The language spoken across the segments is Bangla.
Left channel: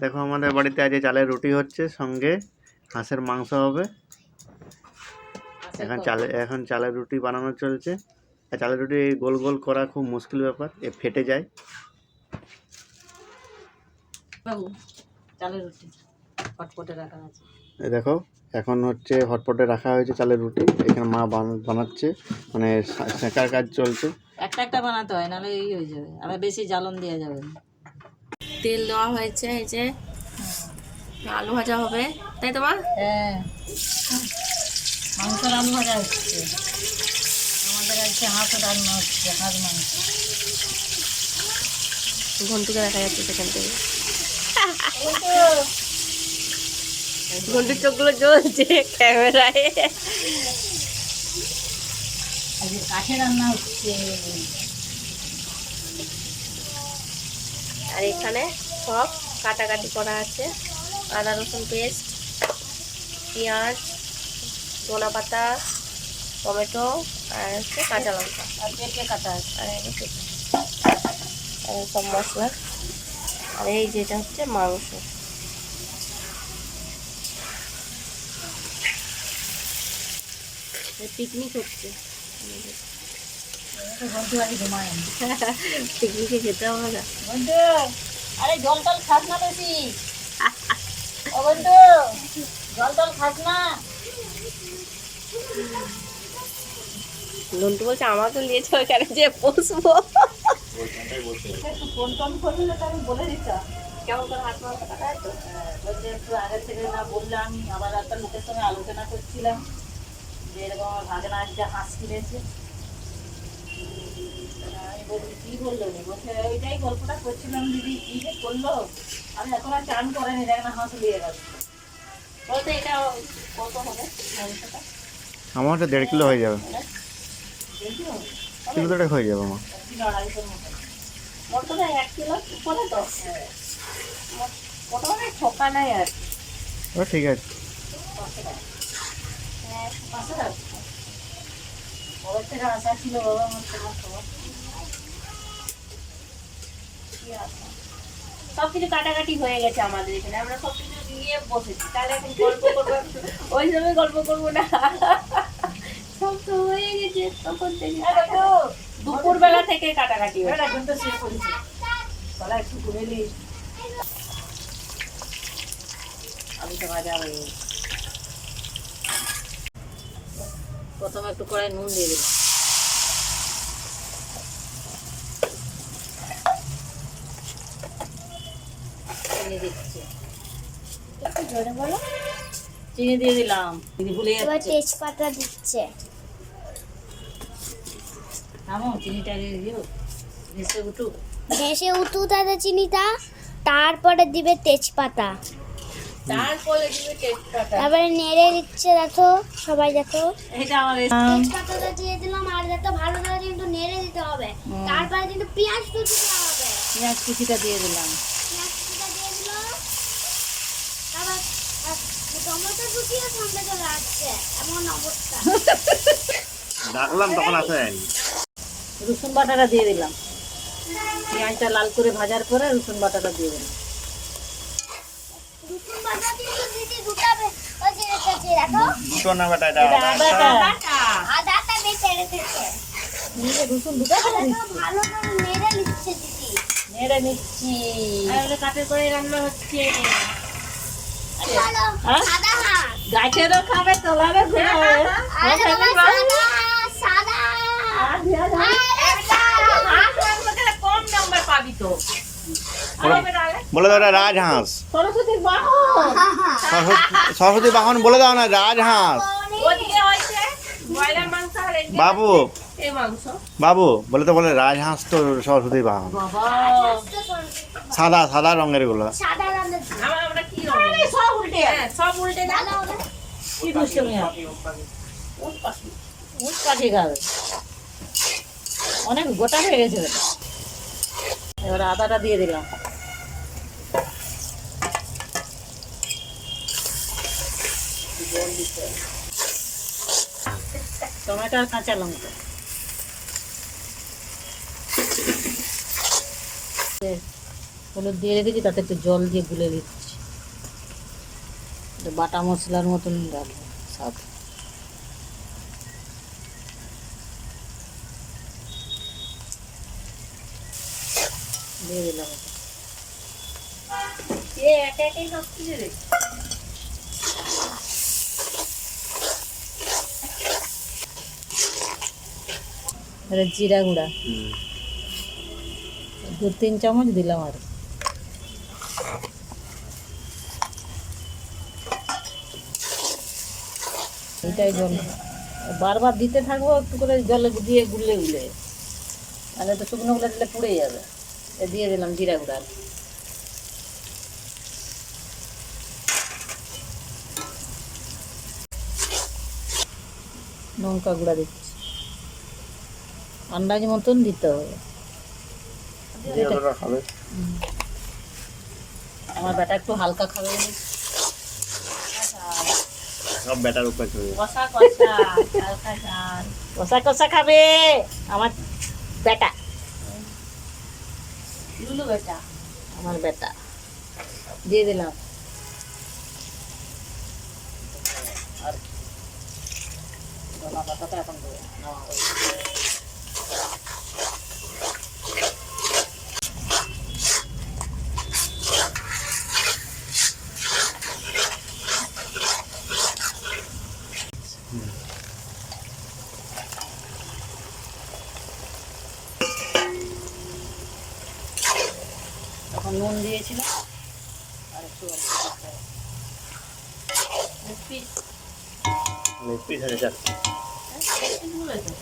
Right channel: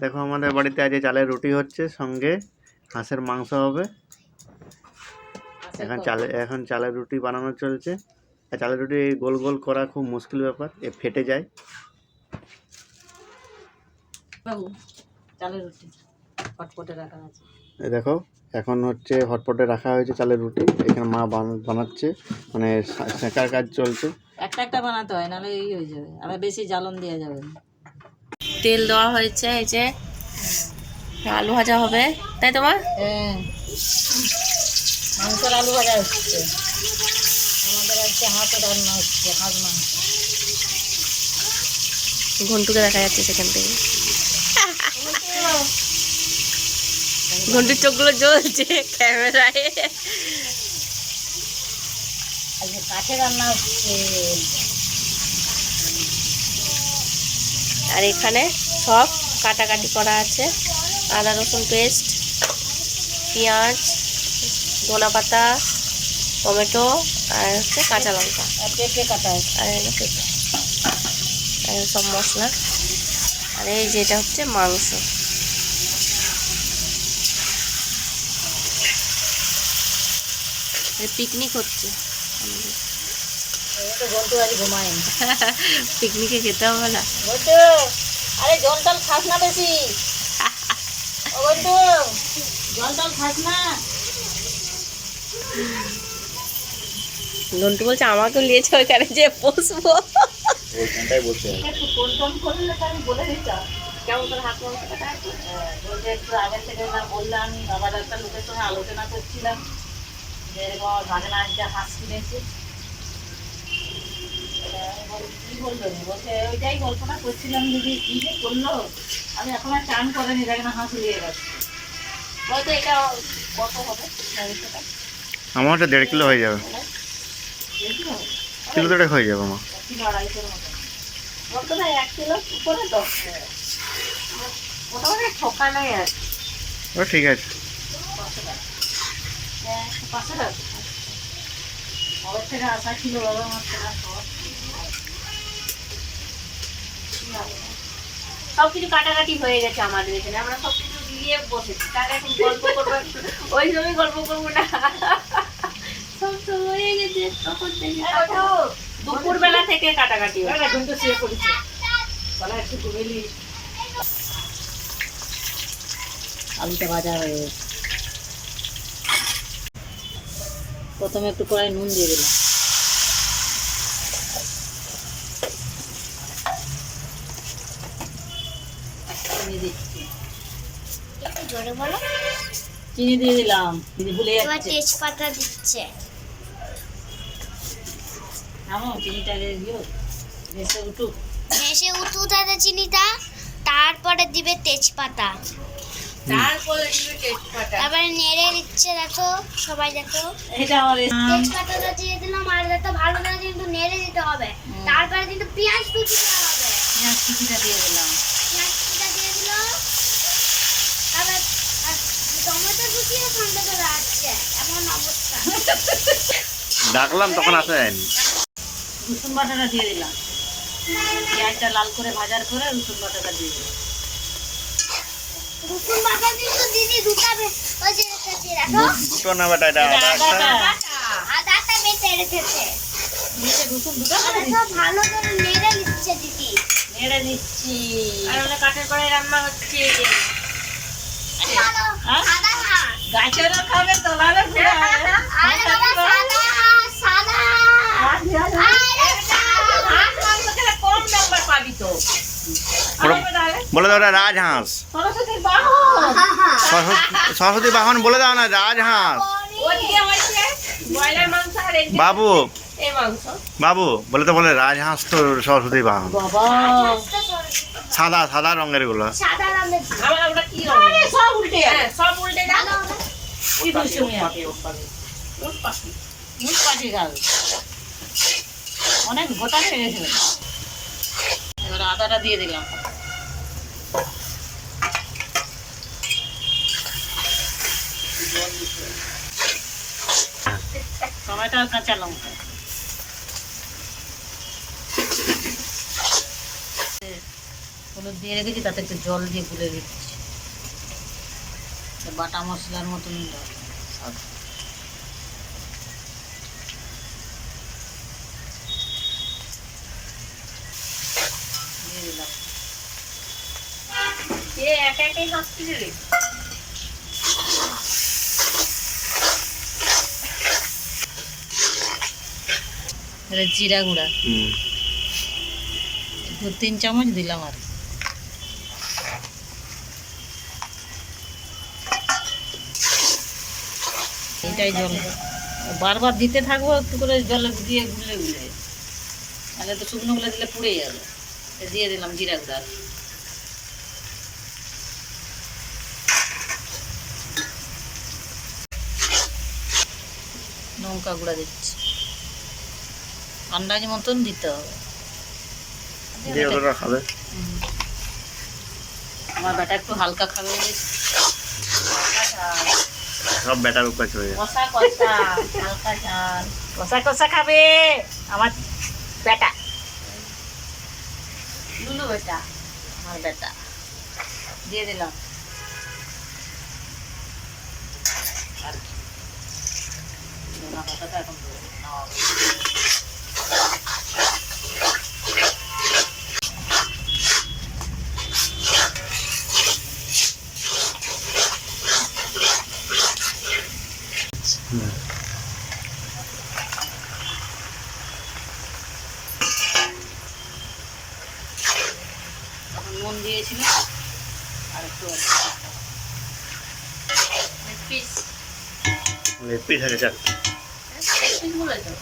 দেখো আমাদের বাড়িতে আজ চালের রুটি হচ্ছে, সঙ্গে হাঁসের মাংস হবে। এখন চালের রুটি বানানো চলছে। আর চালের রুটি গোল গোল করা খুব মুশকিল ব্যাপার, এ ফেটে যায়। চালের রুটি হটপটে রাখা আছে। এই দেখো এখন হচ্ছে হটপটে রাখা হয়েছে চালের রুটি। এখানে মা বানাচ্ছে, মানে সেঁকার কাজ চলছে। একটা একটা বানাতে হয়, নাহলে এই হয়ে যাবে, আবার বেশি জ্বালন দেওয়া যাবে না। তেল দেওয়া হয়েছে, এই যে আলু ভাজা হবে, তাই তো মা? হ্যাঁ, মাংসের আলু ভাজা হচ্ছে। আমাদের আজকে হাঁসের রান্না হচ্ছে, হাঁস মাংস। ঘন্টুকে দেখা যাচ্ছে সেখান থেকে। ঘন্টুর চোখগুলো জ্বলছে ক্যামেরায়। আজকে কাঠে রান্না হচ্ছে। আর এখানে সব কাটাকাটি করা আছে, আদা রসুন পেস্ট, পেঁয়াজ, ধনা পাতা, টমেটো, আর হচ্ছে কাঁচা লঙ্কা, আর পেঁপে কাটা আছে, আর পেঁপে, আর সব মশলা। আর এই যেটা হচ্ছে মাংস। পিকনিক হচ্ছে পিকনিকে খেতে হবে না। আরে জল টল খাস না বেশি, জল টল খাস না। ঘন্টু বলছে আমাকেও নিয়েছে ওইখানে যে বসবো। ফোন টোন করলে আমি বলে দিতাম কেমন করে হাত মাংস কাটা আছে। বলছে একটু আগে থেকে না বললে, আমি আবার একটা লোকের সঙ্গে আলোচনা করছিলাম যে এরকম ভাগনা আজকে হাঁস কিনেছে। কি বললো, বলছে ওইটাই গল্পটা করছিলাম দিদি, কি যে করলো, আমি এখন আর চান করেনি, দেখ না হাঁস লিয়ে গেছে। বলতে এটা কত হবে? আমার ওটা 1.5 কিলো হয়ে যাবে। কিলো দেড়েক হয়ে যাবে মা। কিলো আড়াইশোর মতো বলতো না, 1 কিলো উপরে তো মোটামুটি ঠকা নাই আর। ও ঠিক আছে। 500 টাকা ওর থেকে আসা ছিল বাবা, আমার টাকা সব কিছু কাটাকাটি হয়ে গেছে আমাদের এখানে। আমরা সব কিছু দিয়ে বসেছি, তাহলে এখন গল্প করবো, ওই সময় গল্প করবো না। সব তো হয়ে গেছে তখন থেকে, দুপুর বেলা থেকে কাটাকাটি আলুটা ভাজা হয়ে গেছে। প্রথমে একটু কড়াই নুন দিয়ে দিলাম, চিনি দিচ্ছি, একটু জোরে বলো। চিনি দিয়ে দিলাম, চিনি ভুলে যাচ্ছে। তেজপাতা দিচ্ছে, চিনিটা ভেসে উঠুক। ভেসে উঠুক চিনিটা, তারপরে দিবে তেজপাতা, তারপরে দিবে তেজপাতা, তারপরে নেড়ে দিচ্ছে। দেখো সবাই দেখো, এটা আমার তেজপাতাটা দিয়ে দিলাম, আর দেখো ভালো করে কিন্তু নেড়ে দিতে হবে। তারপরে কিন্তু পেঁয়াজ কুচি দিতে হবে, পেঁয়াজ কুচিটা দিয়ে দিলাম, পেঁয়াজ কুচিটা দিয়ে দিল, তারপর টমেটো কুচিও সঙ্গে চলে আসছে, এমন অবস্থা। ডাকলাম তখন আসা যায়নি। রসুন বাটাটা দিয়ে দিলাম, পেঁয়াজটা লাল করে ভাজার পরে রসুন বাটাটা দিয়ে দিলাম। রসুন বাটা কিন্তু দিদি দুটাবে, ওই যে রেখেছে দেখো, দুটো না বেটা, এটা আদাটা বেটে রেখেছে। দিয়ে রসুন দুটো ভালো করে নেড়ে নিচ্ছে দিদি, নেড়ে নিচ্ছি। আর ওটা কাঠের করে রান্না হচ্ছে। সাদা হাঁস, গাছেরও খাবে, তোলারও খাবে। আরে বাবা সাদা কম নাম্বার পাবি তো। বলে দাও রাজহাঁস, সরস্বতীর বাহন, সরস্বতী বাহন বলে দাও না, রাজহাঁস। ওদিকে হয়েছে ব্রয়লার মাংস, আর এদিকে বাবু এই মাংস। বাবু বলে তো বলে রাজহাঁস তো সরস্বতী বাহন। বাবা সাদা সাদা রঙের গুলো। সাদা রঙের আমরা কি রঙ? সব উল্টে, সব উল্টে দাও। কি দুষ্টুমি, উট পাখি গাল অনেক গোটা হয়ে গেছে। এবার আদাটা দিয়ে দিলাম, টমেটো আর কাঁচা লঙ্কা। হলুদ দিয়ে রেখেছি, তাতে একটু জল দিয়ে গুলে দিচ্ছি। বাটা মশলার মতন সব দিয়ে দিলাম। এ একা একাই হাসছিস রে। এবারে জিরা গুঁড়া 2-3 চামচ দিলাম আর এটাই জল বারবার দিতে থাকবো একটু করে জলে দিয়ে গুলে গুলে, তাহলে তো শুকনো গুলো দিলে পুড়ে যাবে। দিয়ে দিলাম জিরা গুঁড়া, লঙ্কা গুঁড়া দিচ্ছি, আন্দাজ মতন দিতে হবে। খাবে আমার বেটা একটু হালকা খাবে বলে সব ব্যাটার উপর চলে যায়। কষা কষা হালকা ঝাল। কষা কষা খাবে আমার বেটা, লুলু বেটা। আমার বেটা। দিয়ে দিলাম আর কি, ধনা পাতাটা এখন দেবো। তখন নুন দিয়েছিলাম আর একটু লেগ পিস। লেগ পিস আছে চার। লেগ পিস বলে তো।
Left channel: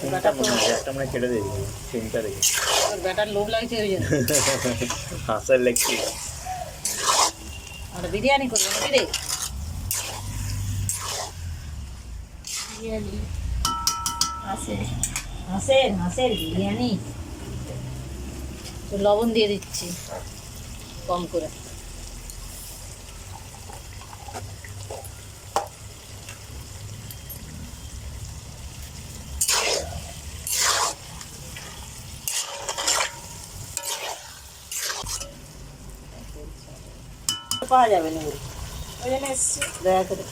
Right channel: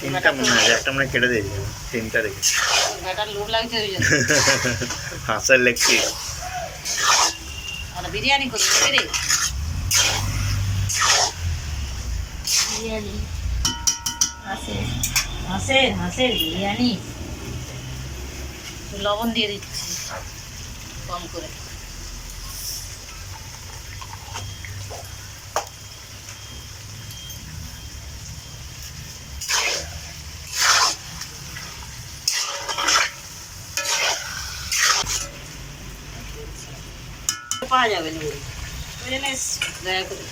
তিনটা মনে হয়, একটা মনে হয় কেটে দিয়েছি, তিনটা রেখে। বেটার লোভ লাগছে ওই জন্য। হাঁসের লেগ পিস। আর বিরিয়ানি করবো নাকি রে? বিরিয়ানি আছে। হাঁসের বিরিয়ানি। তো লবণ দিয়ে দিচ্ছি কম করে। পাওয়া যাবে না ওই জন্য এসছি দয়া করে।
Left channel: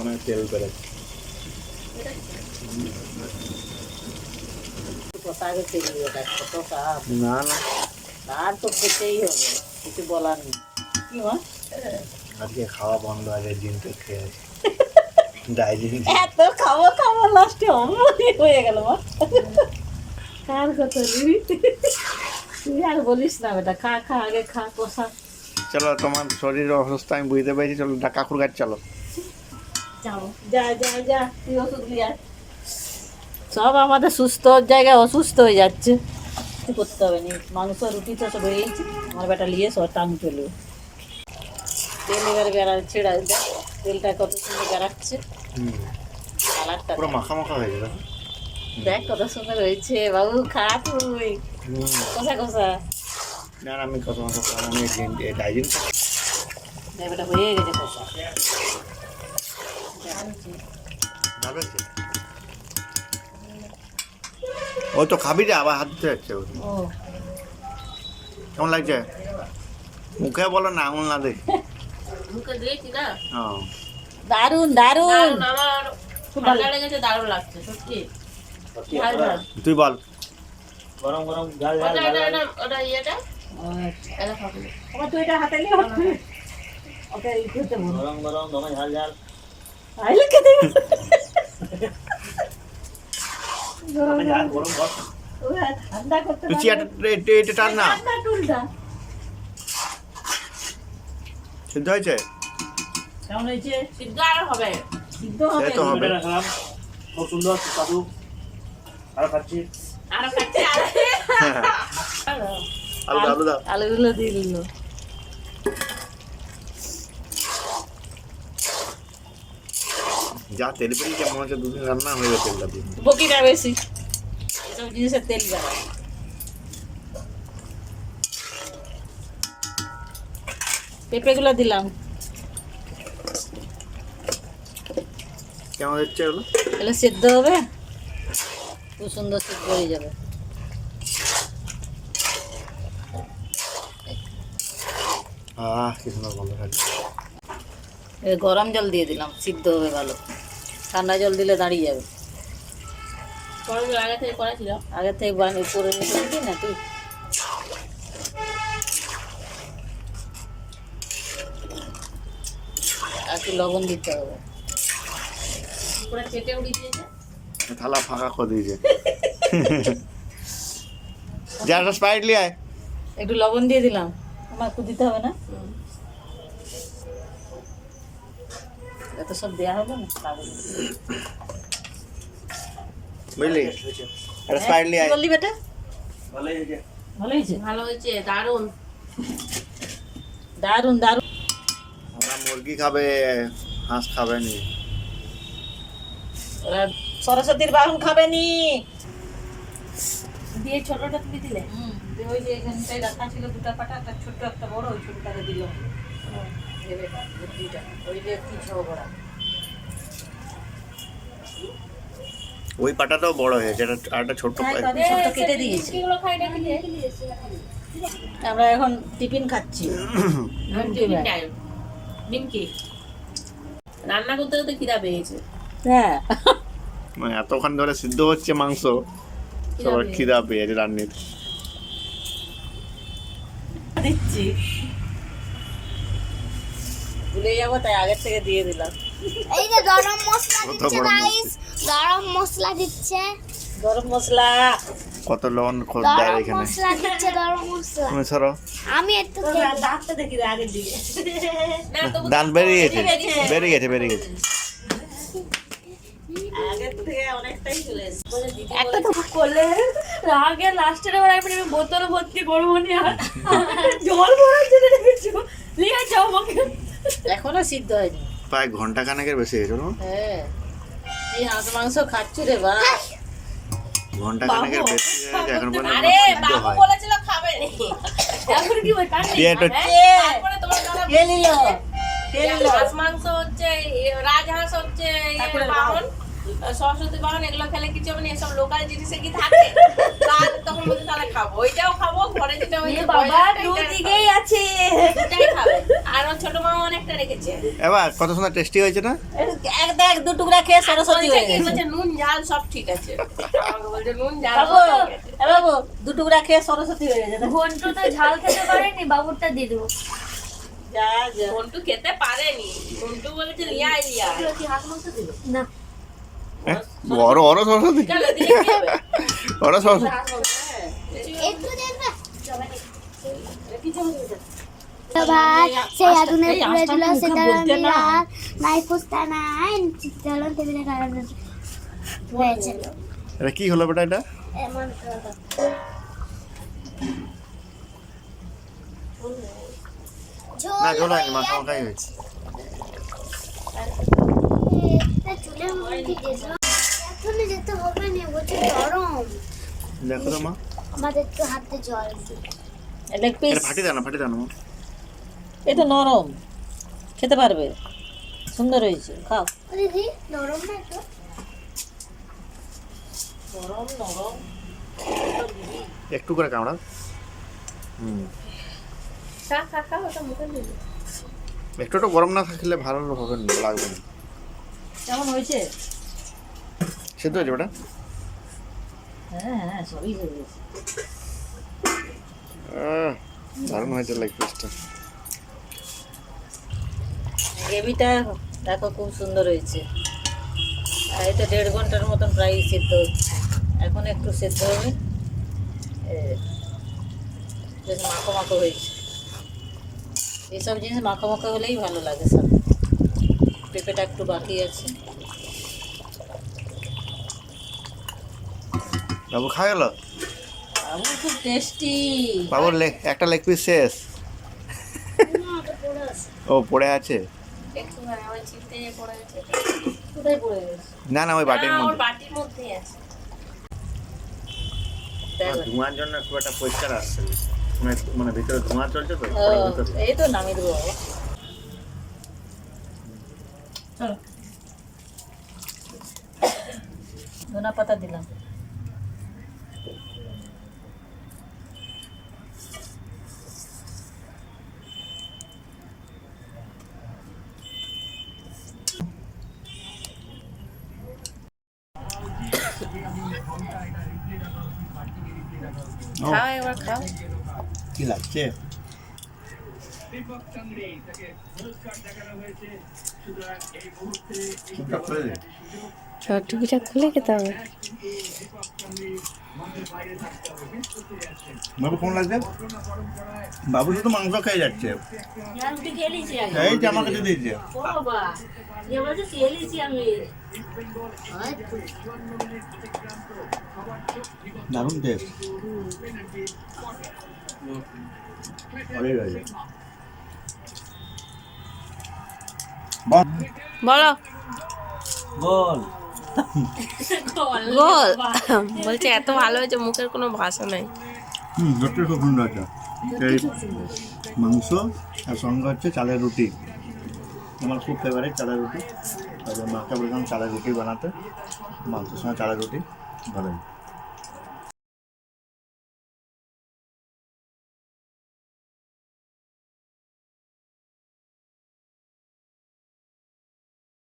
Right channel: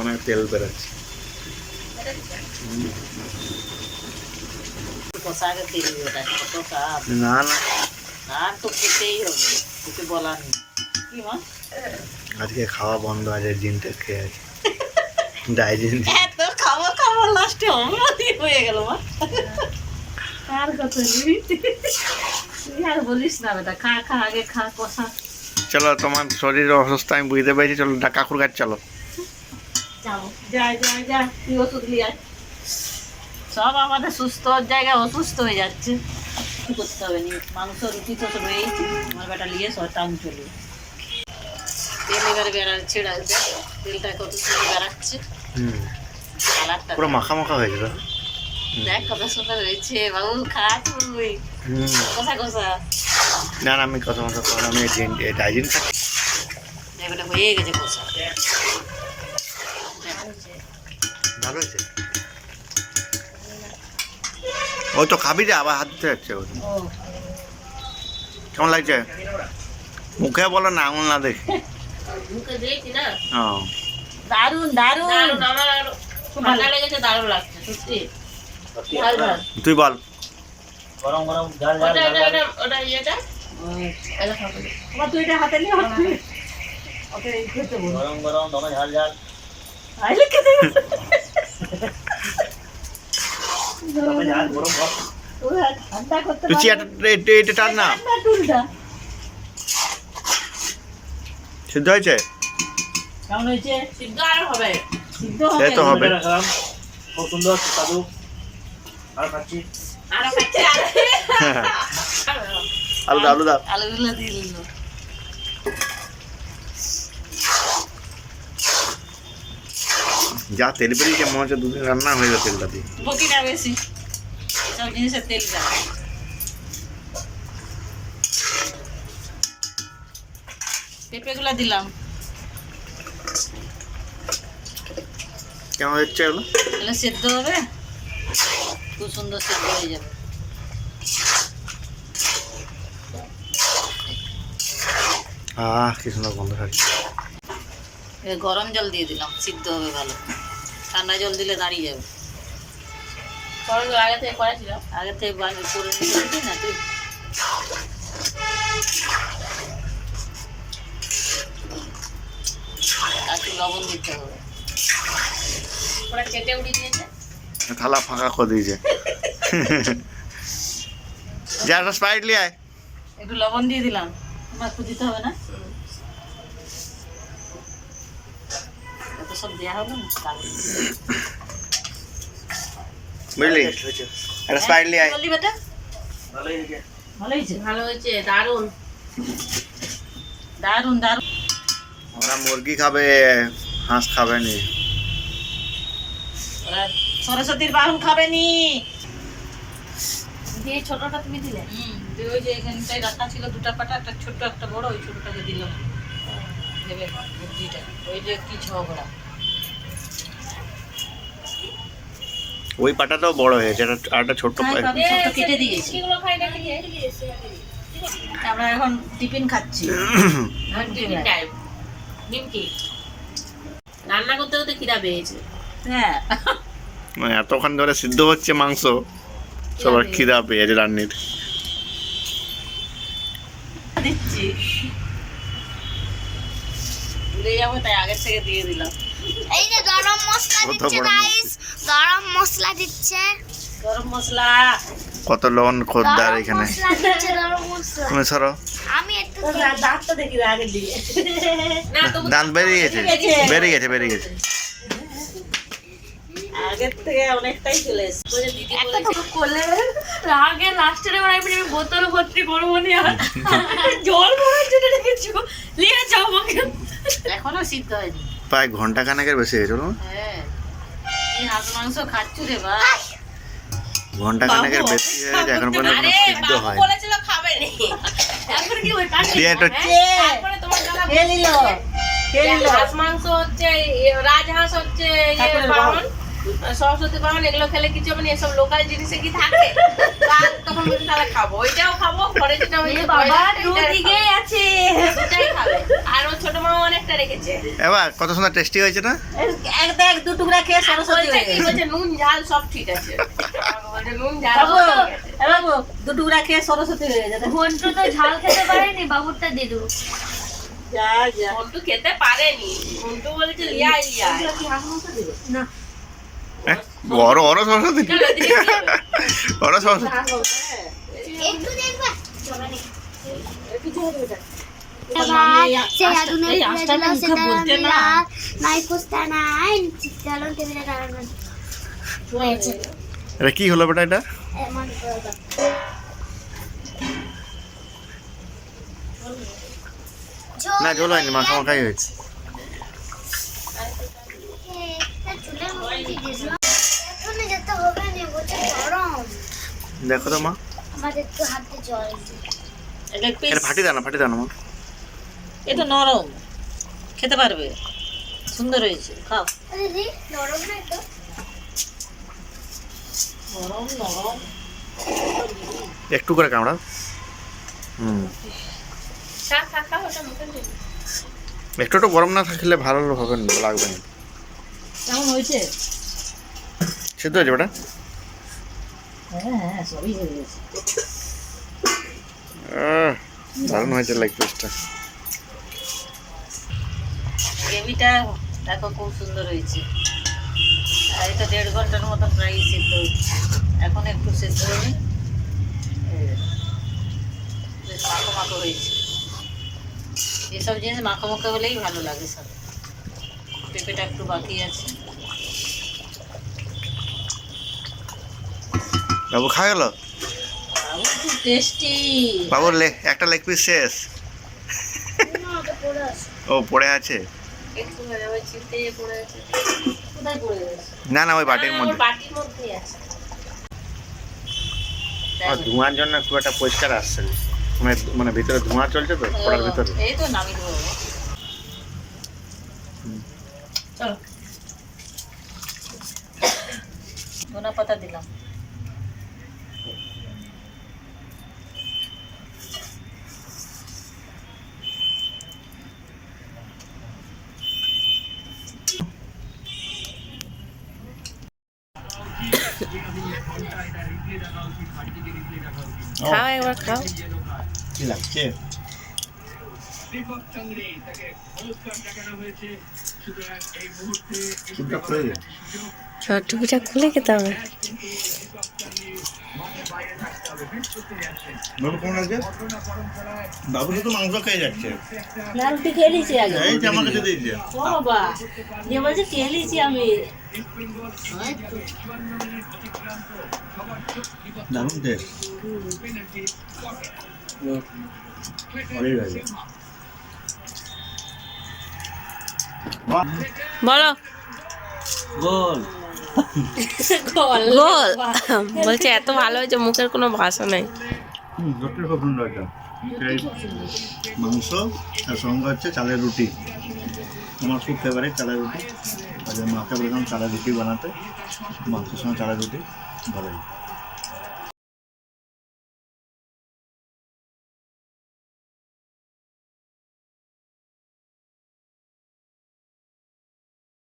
অনেক তেল বেরোচ্ছে। কষা আগে তেল ওটা কষা না না, আর তো খেতেই হবে, কিছু বলার নেই। কি মা আজকে খাওয়া বন্ধ আছে, ডিমটা খেয়ে আছে ডাইজেশন। এত খাওয়া লাস্টে অমনি হয়ে গেল মা। কার কথা তুই আর বলিস না বেটা, খা আগে খা কষা। চলো, তোমার শরীর অসুস্থ আমি বুঝতে পেরেছি, চলো কাকুর কাছে চলো। যাবো যা তুই ওষুধ নিয়ে আয়। সব আমাদের সুস্থ জায়গায় অসুস্থ হয়ে যাচ্ছে, কিছু করতে হবে নি। মাংস রুটি তো সব রয়েছে, আমার বেটা নিয়ে সব টান চলে। তেল এবার ছেড়া দেখ, তেলটা কত সুন্দর বেড়াচ্ছে, কালারটা পুরো মাখা মাখা হয়েছে তো। দেখ কত সুন্দর হয়েছে। বাবু খা তুই কষা কষা। না না, আমি কথা মতো খাবো না, আমি ডাইজেশন খাচ্ছি। দেখ ওটা হয়ে গেছে কষা। ভালো হয়েছে। ওই তো খাবি রে, আবার হাত দিতে যাচ্ছে। ও কেমন লাগছে? মুখে বলো না, আঙুল না দেখে। মুখে দিয়েছি না। হ্যাঁ, দারুণ দারুণ, দারুণ। আমার আর ঠান্ডা লেগেছে, দারুণ লাগছে সত্যি। ঝাল ঝাল। তুই বল। গরম গরম ঝাল ঝাল ওটা ঝাল ওটা ঝাল। ওটা ইয়েটা এটা খাবো। আবার তুই এটা হাতে নিয়ে ওকে খেতে বল। গরম গরম দমে ঝাল ঝাল। আইলে খেতে দমে ঝাল গরম ভাত। ওরা ঠান্ডা করতে তুই এটা টান না। ঠান্ডা টুলটা সিদ্ধ হয়েছে? কেমন হয়েছে? সিদ্ধ আর হবে। সিদ্ধ সে হবে তো হবে। রাখলাম খুব সুন্দর সুস্বাদু। আর খাচ্ছি। আরো খাচ্ছে আর আলু দাও, আলু দাও। আলুগুলো দিয়ে দিল। যা তেল বেরিয়েছে মনে হচ্ছে দুদিন রান্না হয়ে গেছে তেলটা দিয়ে। বকিটা বেশি, এসব জিনিসের তেল দেয়। পেঁপেগুলো দিলাম। কেমন হচ্ছে এগুলো? এগুলো সেদ্ধ হবে, খুব সুন্দর সেদ্ধ হয়ে যাবে। কি সুন্দর গন্ধ থাকছে। গরম জল দিয়ে দিলাম, সিদ্ধ হবে ভালো। ঠান্ডা জল দিলে দাঁড়িয়ে যাবে। গরম জল আগে থেকে করা ছিল। আগে থেকে করে নিতে না তুই। আর একটু লবণ দিতে হবে। পুরো চেটে উড়িয়ে দিয়েছে। থালা ফাঁকা করে দিয়েছে। যা একটা স্প্রাইট নিয়ে আয়। একটু লবণ দিয়ে দিলাম, আমার একটু দিতে হবে না? এত সব দেওয়া হবে না, বুঝলি, একটা স্প্রাইট নিয়ে আয়। বললি বেটা? ভালোই হয়েছে। ভালো হয়েছে, ভালো হয়েছে, দারুণ। দারুণ দারুণ। ওরা মুরগি খাবে, হাঁস খাবে নি। ওরা সরস্বতীর বাহন খাবে নি। দিয়ে ছোটটা তুমি দিলে? ওই যে এখানটায় রাখা ছিল দুটা পাটা, একটা ছোট্ট একটা বড়, ওই ছোটটাকে দিলাম। দেবে বুদ্ধিটা, ওই যে কি ঝগড়া। ওই পাটাটাও বড় হয়েছে, আর একটা ছোট্ট হ্যাঁ, পাটা। আমি ছোট্ট কেটে দিয়েছি। কিগুলো খাই না কি? আমরা এখন টিফিন খাচ্ছি। Tiffin time. নিমকি। রান্না করতে করতে খিদা পেয়েছে। হ্যাঁ, মানে এতক্ষণ ধরে সিদ্ধ হচ্ছে মাংস, সবার খিদা পেয়েছে রান্নির। দিচ্ছি, ভুলে যাবো তাই আগের থেকে দিয়ে দিলাম। এই যে গরম মশলা কত দিচ্ছে গরম গাইস, গরম মশলা দিচ্ছে, গরম মশলা। কত লবণ খোদ্দার গরম এখানে। মশলা দিচ্ছে, গরম মশলা। তুমি সরো, আমি একটু দাঁতটা দেখি আগের দিকে। না তবু দাঁত বেরিয়ে গেছে, বেরিয়ে গেছে, বেরিয়ে গেছে। আগের থেকে অনেকটাই চলে এসছে। ওই যে দিদি একটা বলেছে, তো করলে আগে লাস্টের এবার আমি বোতল ভর্তি করবো নি আর জল ভরে জেনে রেখেছি। নিয়ে যাও আমাকে। এখনো সিদ্ধ হয়নি। প্রায় ঘন্টা খানেকের বেশি হয়েছিল না? হ্যাঁ, এই হাঁস মাংস খাচ্ছু রে বা। ঘন্টা খানেকের বেশি হয়েছে, এখন পর্যন্ত আরে সিদ্ধ বাবু হয়। বলেছিল খাবে নি। এখন কি ওই কাটে? দিয়ে একটু তারপরে তোমার দাদা খেয়ে নিল, খেয়ে নিল। হাঁস মাংস হচ্ছে, রাজহাঁস হচ্ছে, ঠাকুরের বাহন, সরস্বতী বাহন, এগুলো খেলে কিছু হবে না। এসব লোকাল জিনিসে কি থাকে? আর তখন বলছে তাহলে খাবো, ওইটাও খাবো, ঘরে যেটা হয়েছে বাবা দুদিকেই আছে, দুটাই খাবে। আর ওর ছোট মামা অনেকটা রেখেছে। এবার কত সুন্দর টেস্টি হয়েছে না? এক দু টুকরা খেয়ে সরস্বতী বলছে হয়ে কি, গেছে। বলছে নুন ঝাল সব ঠিক আছে। আমাকে বলছে নুন ঝাল বাবু, সব ঠিক আছে। এ বাবু, দু টুকরা খেয়ে সরস্বতী হয়ে গেছে। ঘন্টু তো ঝাল খেতে পারেনি, বাবুরটা দিয়ে দেবো। যা যা। মন্টু খেতে পারেনি, মন্টু বলেছে লিয়াই লিয়াই। কি হাঁস মাংস দিল? না বড় বড় সরস্বতী, চলো দিদি কি হবে? বড় সরস্বতী। হাঁস মাংস, হ্যাঁ। একটু দেখবে কিছু হবে না। ভাই সেই আগুনে এই পুড়ে আঁশটা দিল, মুখে সেটা বলতে না। নাই পুস্তা নাই চলো টেবিলে কারণ হয়েছে এটা কি হলো বেটা? এটা এমন না ঝোল হয়নি, মাখামাখাই হয়েছে। চুলের মধ্যে দিয়েছিলাম, এখন যেতে হবে না, বলছে গরম। দেখো তো মা, আমাদের তো হাতে জল দিই। Leg piece. এটা ফাটি দাও না, ফাটি দাও না মা। এই তো নরম, খেতে পারবে, সুন্দর হয়েছে, খাও। দিদি নরম না তো, নরম নরম। একটু করে কামড়াও। শাক খাও, ওটা মুখে দিবি। একটু একটু গরম না থাকলে ভালো হবে না, লাগবে না। কেমন হয়েছে? সিদ্ধ হয়েছে বেটা? হ্যাঁ হ্যাঁ, সবই হয়ে গেছে। দারুণ হয়েছে লেগ পিসটা। গ্রেভিটা দেখো খুব সুন্দর হয়েছে। আর এটা 1.5 ঘন্টার মতন প্রায় সিদ্ধ হচ্ছে। এখন একটু সিদ্ধ হবে, বেশ মাখো মাখো হয়েছে। এইসব জিনিস মাখো মাখো হলেই ভালো লাগে সব। পেঁপেটা একটু বাকি আছে। বাবু খা গেল? খুব টেস্টি। বাবুর একটা লেগ পিস শেষ। ও পড়ে আছে? একটু মানে ওই চিপতে পড়ে আছে। কোথায় পড়ে গেছে? না না, ওই বাটির ওর মধ্যে। বাটির মধ্যেই আছে। ধোঁয়ার জন্য খুব একটা পরিষ্কার আসছে না। মানে ভিতরে ধোঁয়া চলছে তো, কড়ার ভিতরে। এই তো নামিয়ে দেবো। চলো ধনা পাতা দিলাম। খাও একবার খাও। কি লাগছে? টুপিটা খুলে খেতে হবে। বাবু কেমন লাগছে? বাবু তো মাংস খেয়ে যাচ্ছে। না রুটি খেয়ে নিয়েছি আগে। এই যে আমার কাছে দিয়েছে। ও বাবা যে বলছে খেয়ে নিয়েছি আমি। দারুণ টেস্ট। বলো গোল। গোল। বলছে এত ভালো হয়েছে মুখের কোনো ভাষা নাই। সত্যি খুব সুন্দর একটা এই মাংস আর সঙ্গে হচ্ছে চালের রুটি। আমার খুব ফেভারিট চালের রুটি। মাকে বললাম চালের রুটি বানাতে, মাংসের সঙ্গে চালের রুটি ভালোই।